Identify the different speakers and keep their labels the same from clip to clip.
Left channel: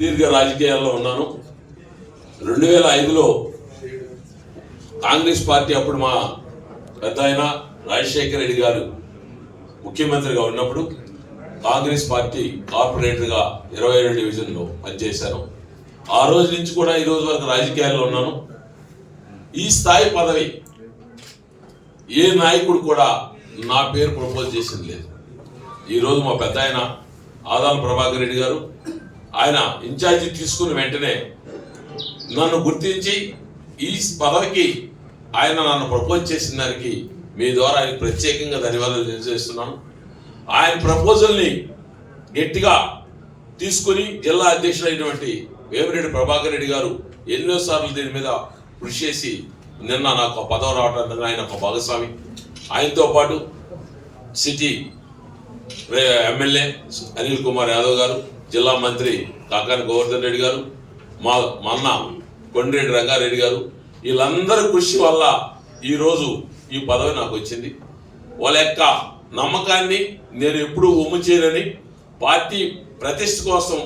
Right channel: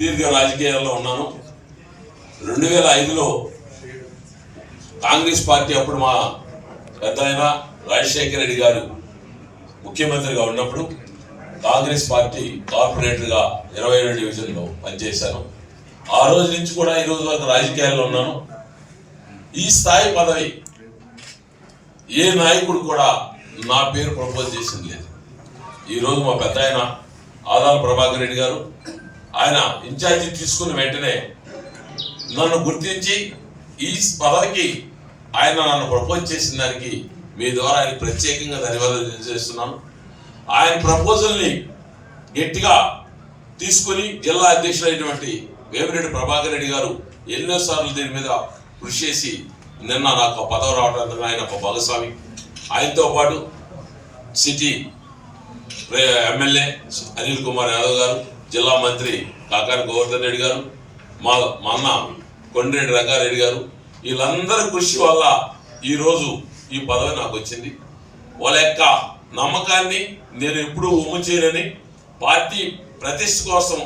Speaker 1: దీర్ఘ రాజకీయాల్లో ఉన్నాను. రెండు వేల ఐదులో కాంగ్రెస్ పార్టీ అప్పుడు మా పెద్ద ఆయన రాజశేఖర రెడ్డి గారు ముఖ్యమంత్రిగా ఉన్నప్పుడు కాంగ్రెస్ పార్టీ కార్పొరేటర్గా ఇరవై ఏడు డివిజన్లో పనిచేశాను. ఆ రోజు నుంచి కూడా ఈ రోజు వరకు రాజకీయాల్లో ఉన్నాను. ఈ స్థాయి పదవి ఏ నాయకుడు కూడా నా పేరు ప్రపోజ్ చేసింది లేదు. ఈరోజు మా పెద్ద ఆయన ఆదాల ప్రభాకర్ రెడ్డి గారు ఆయన ఇన్ఛార్జి తీసుకున్న వెంటనే నన్ను గుర్తించి ఈ పదవికి ఆయన నన్ను ప్రపోజ్ చేసిన దానికి మీ ద్వారా ఆయన ప్రత్యేకంగా ధన్యవాదాలు తెలియజేస్తున్నాను. ఆయన ప్రపోజల్ని గట్టిగా తీసుకుని జిల్లా అధ్యక్షుడైనటువంటి వేమిరెడ్డి ప్రభాకర్ రెడ్డి గారు ఎన్నోసార్లు దీని మీద కృషి చేసి నిన్న నాకు పదవి రావడానికి ఆయన ఒక భాగస్వామి. ఆయనతో పాటు సిటీ ఎమ్మెల్యే అనిల్ కుమార్ యాదవ్ గారు జిల్లా మంత్రి కాకాని గోవర్ధన్ రెడ్డి గారు మా మా అన్న కొండిరెడ్డి రంగారెడ్డి గారు వీళ్ళందరి కృషి వల్ల ఈరోజు ఈ పదవి నాకు వచ్చింది. వాళ్ళ యొక్క నమ్మకాన్ని నేను ఎప్పుడూ ఉమ్ము చేయనని పార్టీ ప్రతిష్ట కోసం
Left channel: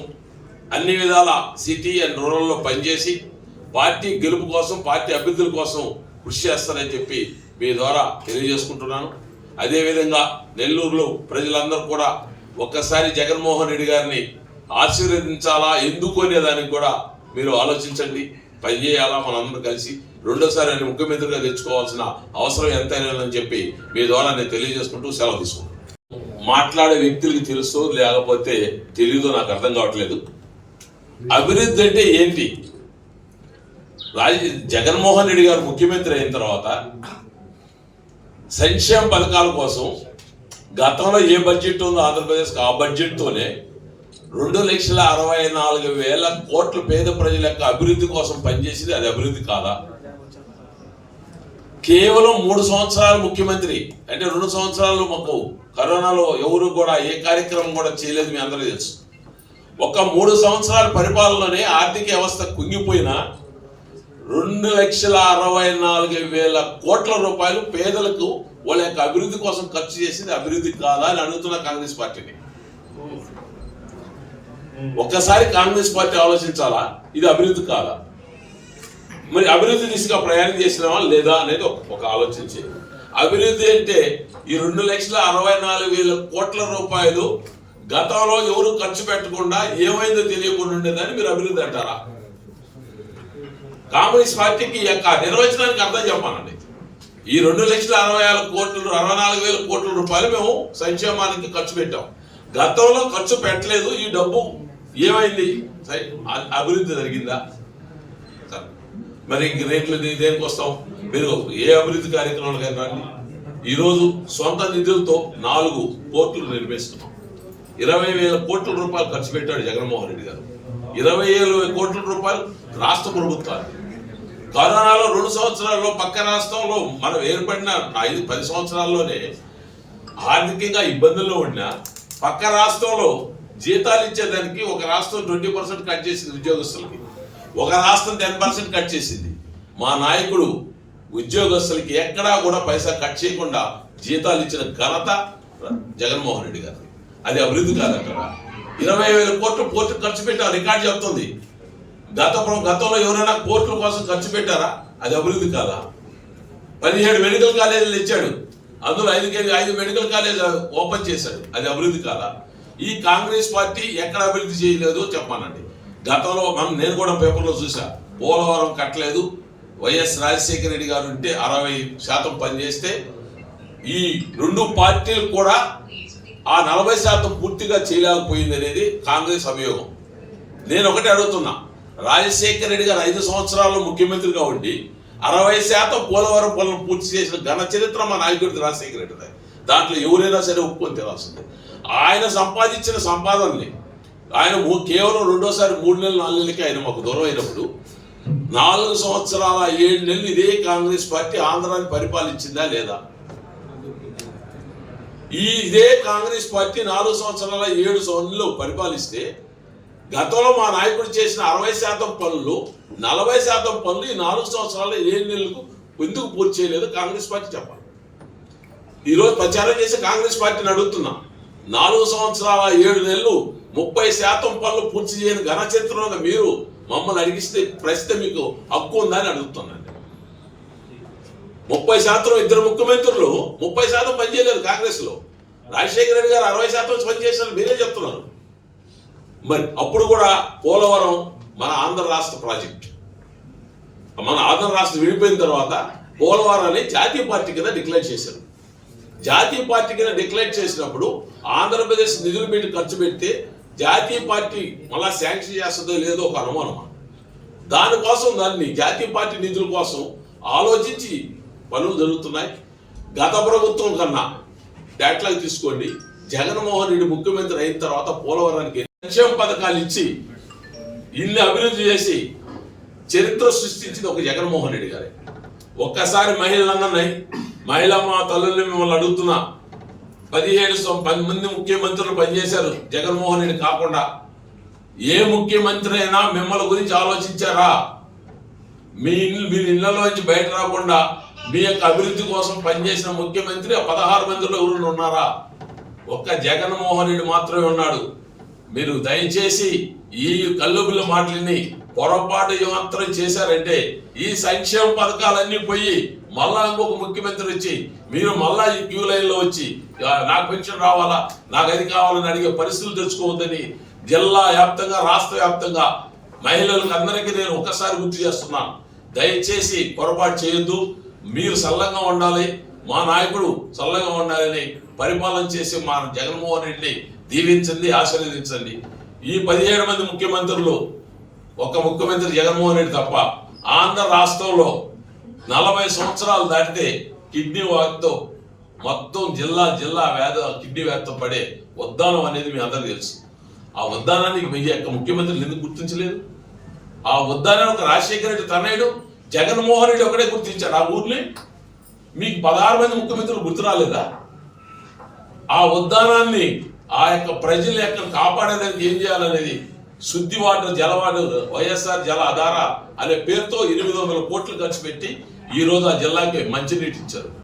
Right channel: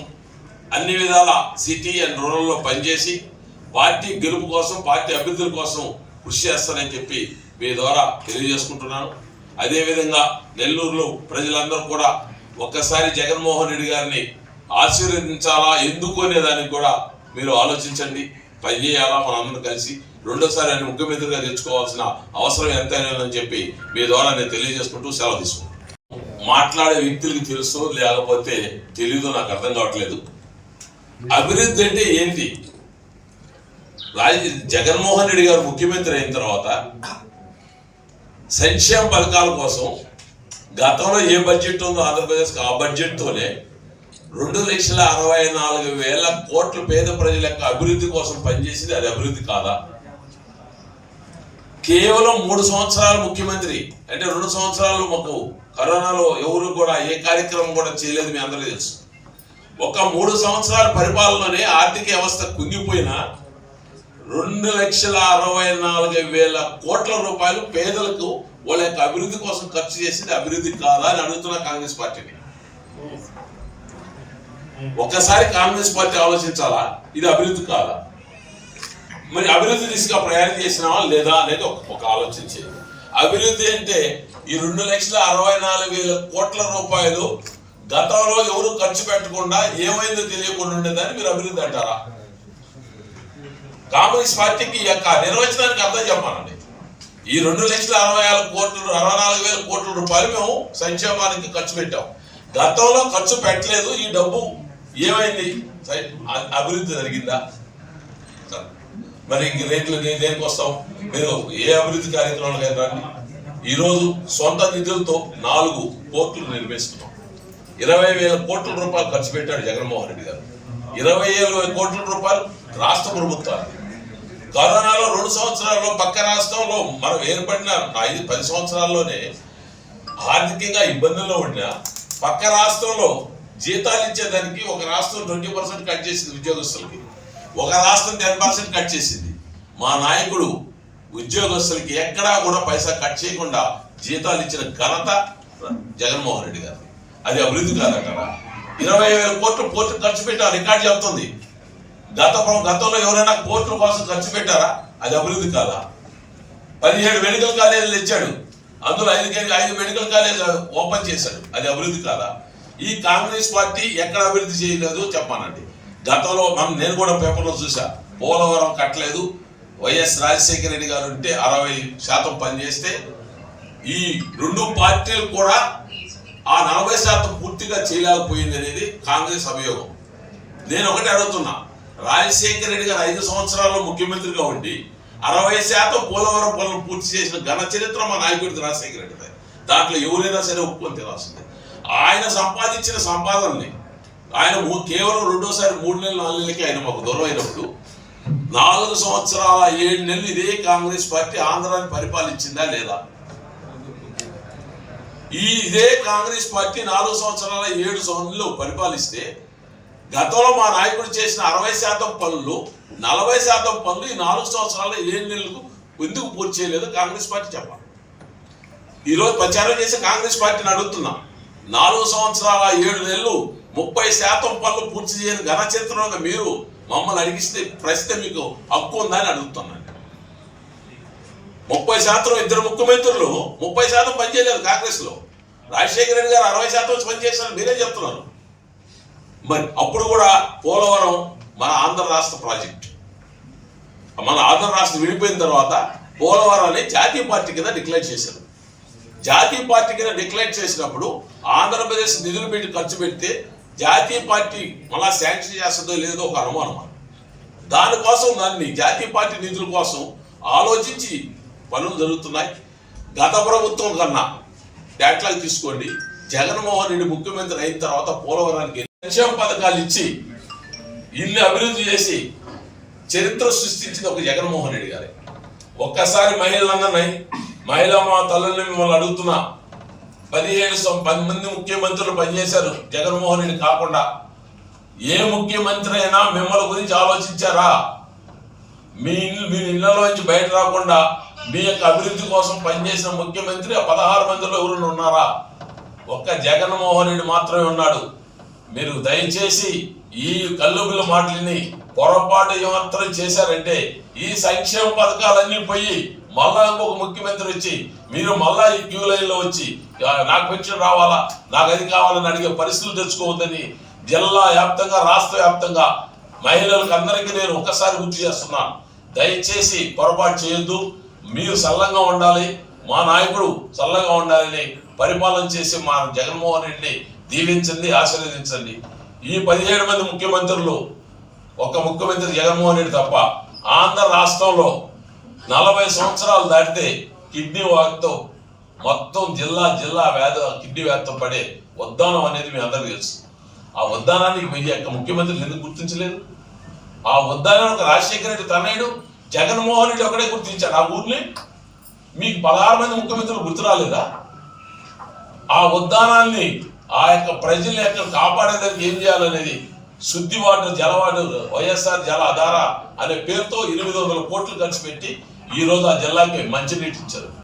Speaker 1: అన్ని విధాల సిటీ అండ్ రూరల్లో పనిచేసి పార్టీ గెలుపు కోసం పార్టీ అభ్యర్థుల కోసం కృషి చేస్తానని చెప్పి మీ ద్వారా తెలియజేసుకుంటున్నాను. అదేవిధంగా నెల్లూరులో ప్రజలందరూ కూడా ఒక్కసారి జగన్మోహన్ రెడ్డి గారిని ఆశీర్వదించాలా? ఎందుకు అనే దానికి కూడా మీరు ఆలోచించండి. పనిచేయాలా మనందరం కలిసి రెండోసారి ఆయన ముఖ్యమంత్రిగా తెచ్చుకోవాల్సిన అవసరం ఎంత అని చెప్పి మీ ద్వారా నేను తెలియజేసుకుంటూ సెలవు తీసుకుంటాను మాట్లాడే వ్యక్తులకి తెలుసు లేకపోతే తెలియదు నాకు అర్థం కావట్లేదు. అభివృద్ధి అంటే ఏంటి? రాజ జగన్మోహన్ రెడ్డి గారు ముఖ్యమంత్రి అయిన తర్వాత సంక్షేమ పథకాల కోసం గతంలో ఏ బడ్జెట్ ఉందో ఆంధ్రప్రదేశ్కి ఆ బడ్జెట్తోనే రెండు లక్షల అరవై నాలుగు వేల కోట్ల పేద ప్రజల యొక్క అభివృద్ధి కోసం పనిచేసింది. అది అభివృద్ధి కాదా? కేవలం మూడు సంవత్సరాలు ముఖ్యమంత్రి. అంటే రెండు సంవత్సరాలు మాకు కరోనాలో ఎవరు కూడా ఏ కార్యక్రమం కూడా చేయలేదు మీ అందరూ తెలుసు. ఒక మూడు సంవత్సరాల పరిపాలనలోనే ఆర్థిక వ్యవస్థ కుంగిపోయిన రెండు లక్షల అరవై నాలుగు వేల కోట్ల రూపాయలు పేదలకు వాళ్ళ యొక్క అభివృద్ధి కోసం ఖర్చు చేసింది అభివృద్ధి కాదా అని అడుగుతున్న కాంగ్రెస్ పార్టీని. Hmm. ఒక్కసారి కాంగ్రెస్ పార్టీ ఆలోచించాలా? ఇది అభివృద్ధి కాదా? మరి అభివృద్ధి దిశగా ప్రయాణం చేసినావా లేదా అనేది ఒక ఆలోచించేది అభివృద్ధి అంటే ఈ రెండు లక్షల అరవై నాలుగు వేల కోట్ల రూపాయలు గతంలో ఎవరు ఖర్చు పెట్టకుండా ఏమైందో తెలియకుండా ఉండేదని మీరు అభివృద్ధి అంటారా? కాంగ్రెస్ పార్టీకి యొక్క నిర్వచనానికి అర్థం చెప్పానండి ఈ రెండు లక్షల అరవై ఆరు కోట్లు అరవై నాలుగు వేల కోట్ల రూపాయలు మేము సంక్షేమానికి ఖర్చు పెట్టాం. గతంలో ఖర్చు పెట్టలేదు ఈ డబ్బు ఏమైంది? సై- అభివృద్ధి జరిగిందా? మరి రేట్లు దేనికి వస్తాం? మీరు ఏ అభివృద్ధి కార్యక్రమాలు రండి. ఈరోజు సొంత నిధులతో నాలుగు పోర్టులు నిర్మిస్తున్నాం. ఇరవై వేల కోట్ల రూపాయలు ఖర్చు పెట్టాడు జగన్మోహన్ రెడ్డి గారు. ఇరవై ఏడు కోట్ల రూపాయలు రాష్ట్ర ప్రభుత్వాలు. కరోనాలో రెండు సంవత్సరాల్లో పక్క రాష్ట్రంలో మనం ఏర్పడిన ఐదు పది సంవత్సరాల్లోనే ఆర్థికంగా ఇబ్బందుల్లో ఉన్న పక్క రాష్ట్రంలో జీతాలు ఇచ్చేదానికి ఒక రాష్ట్రం ట్వంటీ పర్సెంట్ కట్ చేసింది ఉద్యోగస్తులకి. ఒక రాష్ట్రం టెన్ పర్సెంట్ కట్ చేసింది. మా నాయకుడు ఉద్యోగస్తులకి ఎక్కడా కూడా పైసా కట్ చేయకుండా జీతాలు ఇచ్చిన ఘనత జగన్మోహన్ రెడ్డి గారు. అది అభివృద్ధి కాదంటారా ఇరవై వేల కోట్లు పోర్టు ఖర్చు పెట్టా రికార్డు చెప్తుంది. గత గతంలో ఎవరైనా కోర్టుల కోసం ఖర్చు పెట్టారా? అది అభివృద్ధి కాదా? పదిహేడు మెడికల్ కాలేజీలు ఇచ్చాడు. అందులో ఐదు ఐదు మెడికల్ కాలేజ్ ఓపెన్ చేశాడు. అది అభివృద్ధి కాదా? ఈ కాంగ్రెస్ పార్టీ ఎక్కడ అభివృద్ధి చేయలేదు చెప్పానండి. గతంలో మనం నేను కూడా పేపర్లో చూసా పోలవరం కట్టలేదు వైఎస్ రాజశేఖర రెడ్డి గారు ఉంటే అరవై శాతం పనిచేస్తే ఈ రెండు పార్టీలు కూడా ఆ నలభై శాతం పూర్తిగా చేయలేకపోయింది అనేది కాంగ్రెస్ అభియోగం. నేను ఒకటి అడుగుతున్నా రాజశేఖర రెడ్డి గారు ఐదు సంవత్సరాల్లో ముఖ్యమంత్రిగా ఉండి అరవై శాతం పోలవరం పనులు పూర్తి చేసిన ఘన చరిత్ర మా నాయకుడిది రాజశేఖర రెడ్డి దాంట్లో ఎవరైనా సరే ఒప్పుకొని తెలాల్సిందే ఆయన సంపాదించిన సంపాదనని. ఆయన కేవలం రెండోసారి మూడు నెలలు నాలుగు నెలలకి ఆయన మాకు దూరం అయినప్పుడు నాలుగు సంవత్సరాల ఏడు నెలలు ఇదే కాంగ్రెస్ పార్టీ ఆంధ్రాన్ని పరిపాలించిందా లేదా? ఈ ఇదే కాంగ్రెస్ పార్టీ నాలుగు సంవత్సరాల ఏడు సంవత్సరాలు పరిపాలిస్తే గతంలో మా నాయకుడు చేసిన అరవై శాతం పనులు నలభై శాతం పనులు ఈ నాలుగు సంవత్సరాల ఏడు నెలలకు ఎందుకు పూర్తి చేయలేదు కాంగ్రెస్ పార్టీ చెప్పాలి. ఈరోజు ప్రచారం చేసి కాంగ్రెస్ పార్టీని అడుగుతున్నాం. నాలుగు సంవత్సరాల ఏడు నెలలు ముప్పై శాతం పనులు పూర్తి చేయని ఘనచిత్రంగా మీరు మమ్మల్ని అడిగిస్తే ప్రశ్న మీకు హక్కు ఉందని అడుగుతున్నాను. ముప్పై శాతం ఇద్దరు ముఖ్యమంత్రులు ముప్పై శాతం పనిచేయలేదు కాంగ్రెస్లో రాజశేఖర రెడ్డి గారు అరవై శాతం వచ్చి పనిచేశారు మీరే చెప్తున్నారు. మరి అప్పుడు కూడా పోలవరం మన ఆంధ్ర రాష్ట్ర ప్రాజెక్ట్. మన ఆంధ్ర రాష్ట్రం విడిపోయిన తర్వాత పోలవరాన్ని జాతీయ పార్టీ కింద డిక్లేర్ చేశారు. జాతీయ పార్టీ కింద డిక్లేర్ చేసినప్పుడు ఆంధ్రప్రదేశ్ నిధులు పెట్టి ఖర్చు పెడితే జాతీయ పార్టీ మళ్ళా శాంక్షన్ చేస్తుందో లేదో ఒక అనుమానం దానికోసం దాన్ని జాతీయ పార్టీ నిధుల కోసం ఆలోచించి పనులు జరుగుతున్నాయి. గత ప్రభుత్వం కన్నా డేట్లాగా తీసుకోండి. జగన్మోహన్ రెడ్డి ముఖ్యమంత్రి అయిన తర్వాత పోలవరానికి సంక్షేమ పథకాలు ఇచ్చి ఇల్లు అభివృద్ధి చేసి చరిత్ర సృష్టించింది ఒక జగన్మోహన్ రెడ్డి గారే. ఒక్కసారి మహిళలందరినీ మహిళా మా తల్లుల్ని మిమ్మల్ని అడుగుతున్నా. పదిహేడు పది మంది ముఖ్యమంత్రులు పనిచేశారు. జగన్మోహన్ రెడ్డి కాకుండా. ఏ ముఖ్యమంత్రి అయినా మిమ్మల్ని గురించి ఆలోచించారా? మీ ఇల్లు మీ ఇళ్ళలో నుంచి బయట రాకుండా మీ యొక్క అభివృద్ధి కోసం పనిచేసిన ముఖ్యమంత్రి ఆ పదహారు మందిలో ఎవరు ఉన్నారా? ఒక్క జగన్మోహన్ రెడ్డి మాత్రమే ఉన్నాడు. మీరు దయచేసి ఈ కల్లుబిల్ల మాటలని పొరపాటు మాత్రం చేశారంటే ఈ సంక్షేమ పథకాలన్నీ పోయి మళ్ళా ఇంకొక ముఖ్యమంత్రి వచ్చి మీరు మళ్ళా ఈ క్యూ లైన్లో వచ్చి నాకు పెన్షన్ రావాలా? నాకు అది కావాలని అడిగే పరిస్థితులు తెచ్చుకోవద్దని జిల్లా వ్యాప్తంగా రాష్ట్ర వ్యాప్తంగా మహిళలకు అందరికీ నేను ఒక్కసారి గుర్తు చేస్తున్నాను దయచేసి పొరపాటు చేయొద్దు. మీరు సల్లంగా ఉండాలి. మా నాయకుడు చల్లగా ఉండాలని పరిపాలన చేసి మా జగన్మోహన్ రెడ్డిని దీవించండి ఆశీర్వదించండి. ఈ పదిహేడు మంది ముఖ్యమంత్రులు ఒక ముఖ్యమంత్రి జగన్మోహన్ రెడ్డి తప్ప ఆంధ్ర రాష్ట్రంలో నలభై సంవత్సరాలు దాటితే కిడ్నీ వ్యాధితో మొత్తం జిల్లా జిల్లా వ్యాధి కిడ్నీ వ్యాధితో పడే ఉద్దానం అనేది మీ అందరికీ తెలుసు. ఆ ఉద్దానానికి మీ యొక్క ముఖ్యమంత్రులు ఎందుకు గుర్తించలేదు? ఆ ఉద్దానాన్ని ఒక రాజశేఖర రెడ్డి తన్నయుడు జగన్మోహన్ రెడ్డి ఒకటే గుర్తించాడు. ఆ ఊర్ని మీకు పదహారు మంది ముఖ్యమంత్రులు గుర్తు రాలేదా? ఆ ఉద్దానాన్ని ఆ యొక్క ప్రజల యొక్క కాపాడేదానికి ఏం చేయాలనేది శుద్ధి వాటర్ జలవాటర్ వైఎస్ఆర్ జల ఆధార అనే పేరుతో ఎనిమిది వందల కోట్లు ఖర్చు పెట్టి ఈ రోజు ఆ జిల్లాకి మంచినీటి ఇచ్చారు.